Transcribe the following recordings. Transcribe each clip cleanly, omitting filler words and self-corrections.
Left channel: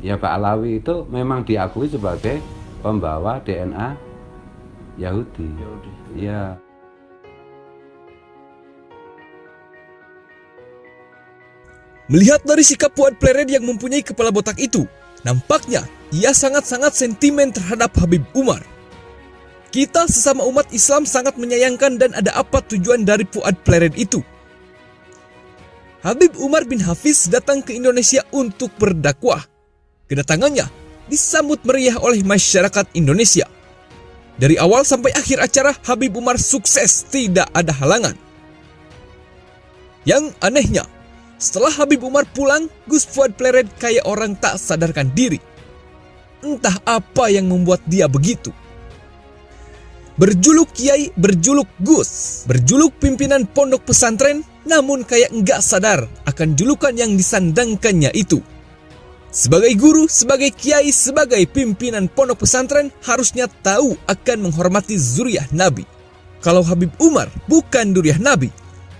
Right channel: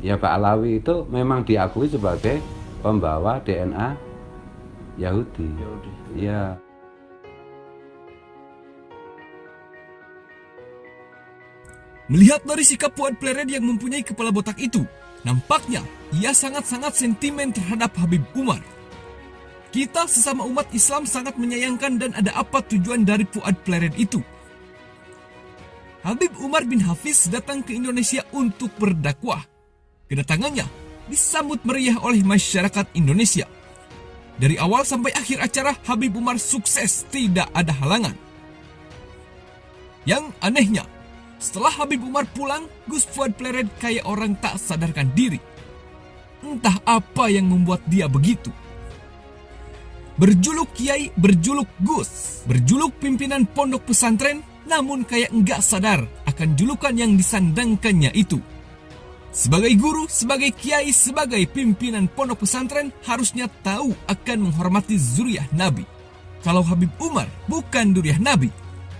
Ya Pak Alawi itu memang diakui sebagai pembawa DNA Yahudi. Ya. Melihat dari sikap Fuad Plered yang mempunyai kepala botak itu, nampaknya ia sangat-sangat sentimen terhadap Habib Umar. Kita sesama umat Islam sangat menyayangkan dan ada apa tujuan dari Fuad Plered itu. Habib Umar bin Hafiz datang ke Indonesia untuk berdakwah. Kedatangannya disambut meriah oleh masyarakat Indonesia. Dari awal sampai akhir acara, Habib Umar sukses, tidak ada halangan. Yang anehnya, setelah Habib Umar pulang, Gus Fuad Plered kayak orang tak sadarkan diri. Entah apa yang membuat dia begitu. Berjuluk kiai, berjuluk Gus, berjuluk pimpinan pondok pesantren, namun kayak enggak sadar akan julukan yang disandangkannya itu. Sebagai guru, sebagai kiai, sebagai pimpinan pondok pesantren, harusnya tahu akan menghormati zuriyah Nabi. Kalau Habib Umar bukan zuriyah Nabi,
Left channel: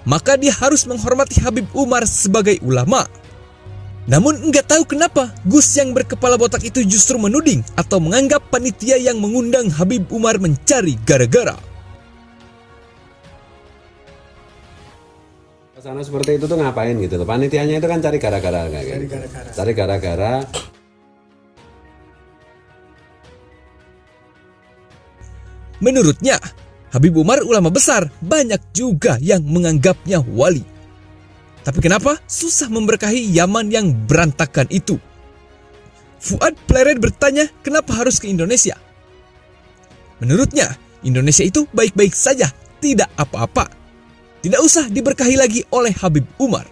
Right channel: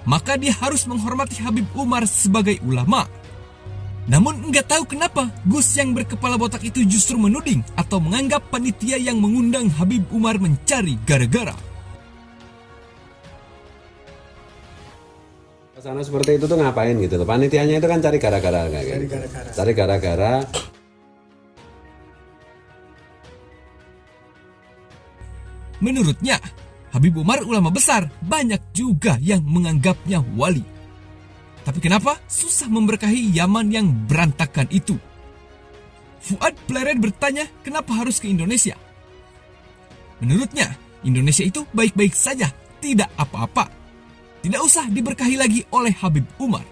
maka dia harus menghormati Habib Umar sebagai ulama. Namun enggak tahu kenapa Gus yang berkepala botak itu justru menuding atau menganggap panitia yang mengundang Habib Umar mencari gara-gara. Sana seperti itu tuh ngapain gitu loh. Panitianya itu kan cari gara-gara kayak gitu. Cari gara-gara. Menurutnya, Habib Umar ulama besar, banyak juga yang menganggapnya wali. Tapi kenapa susah memberkahi Yaman yang berantakan itu? Fuad Plered bertanya kenapa harus ke Indonesia. Menurutnya, Indonesia itu baik-baik saja, tidak apa-apa. Tidak usah diberkahi lagi oleh Habib Umar.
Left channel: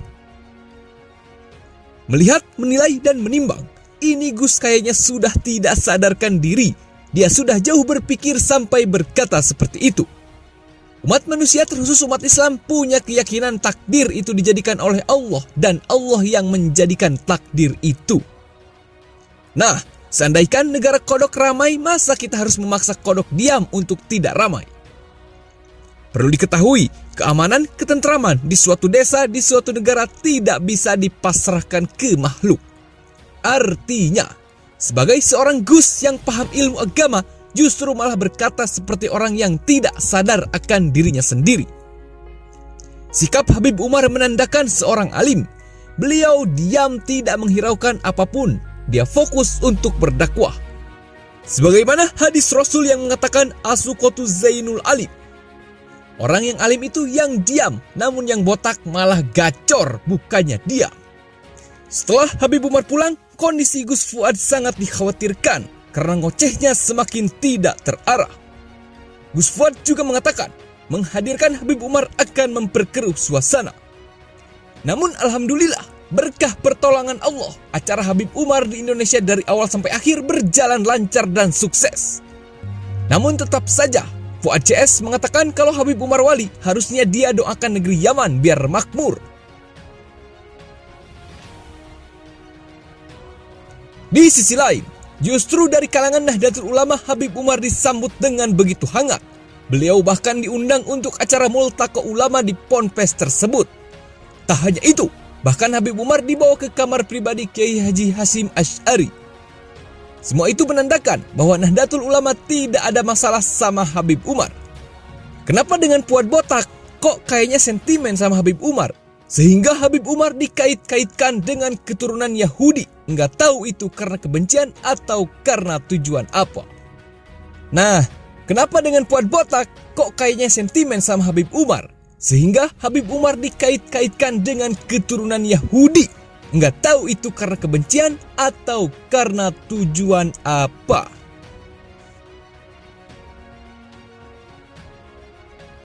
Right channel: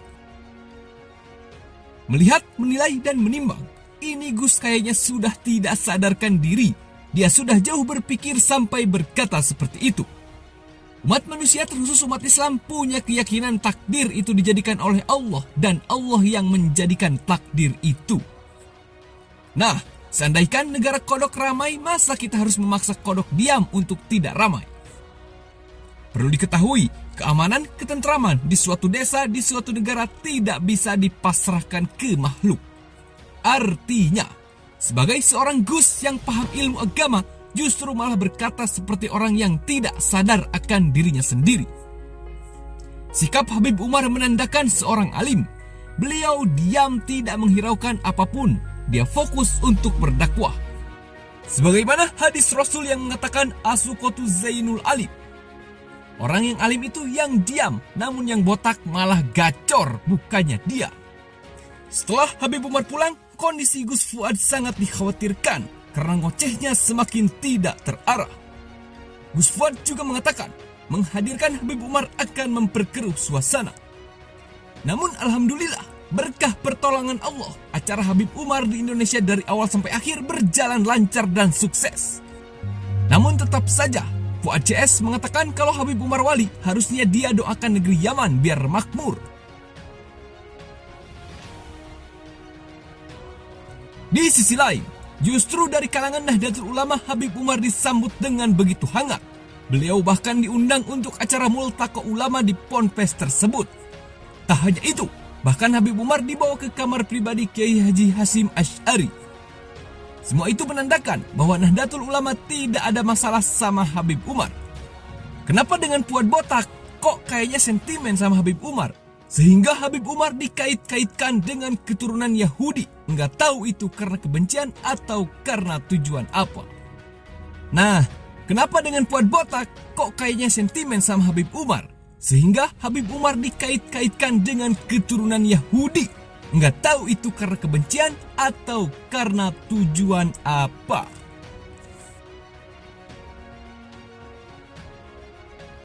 Melihat, menilai, dan menimbang, ini Gus kayaknya sudah tidak sadarkan diri. Dia sudah jauh berpikir sampai berkata seperti itu. Umat manusia terkhusus umat Islam punya keyakinan takdir itu dijadikan oleh Allah dan Allah yang menjadikan takdir itu. Nah, seandainya negara kodok ramai, masa kita harus memaksa kodok diam untuk tidak ramai? Perlu diketahui, keamanan, ketentraman di suatu desa, di suatu negara tidak bisa dipasrahkan ke makhluk. Artinya, sebagai seorang Gus yang paham ilmu agama, justru malah berkata seperti orang yang tidak sadar akan dirinya sendiri. Sikap Habib Umar menandakan seorang alim. Beliau diam, tidak menghiraukan apapun. Dia fokus untuk berdakwah. Sebagaimana hadis Rasul yang mengatakan As-Sukotu Zainul Alim. Orang yang alim itu yang diam, namun yang botak malah gacor, bukannya dia. Setelah Habib Umar pulang, kondisi Gus Fuad sangat dikhawatirkan karena ngocehnya semakin tidak terarah. Gus Fuad juga mengatakan menghadirkan Habib Umar akan memperkeruh suasana. Namun alhamdulillah, berkah pertolongan Allah, acara Habib Umar di Indonesia dari awal sampai akhir berjalan lancar dan sukses. Namun tetap saja, Fuad CS mengatakan kalau Habib Umar wali, harusnya dia doakan negeri Yaman biar makmur. Di sisi lain, justru dari kalangan Nahdlatul Ulama, Habib Umar disambut dengan begitu hangat. Beliau bahkan diundang untuk acara multaqo ulama di ponpes tersebut. Tak hanya itu, bahkan Habib Umar dibawa ke kamar pribadi Kiai Haji Hasyim Asy'ari. Semua itu menandakan bahwa Nahdlatul Ulama tidak ada masalah sama Habib Umar. Kenapa dengan Fuad botak kok kayaknya sentimen sama Habib Umar? Sehingga Habib Umar dikait-kaitkan dengan keturunan Yahudi. Nggak tahu itu karena kebencian atau karena tujuan apa. Nah, kenapa dengan Fuad botak kok kayaknya sentimen sama Habib Umar? Sehingga Habib Umar dikait-kaitkan dengan keturunan Yahudi. Nggak tahu itu karena kebencian atau karena tujuan apa.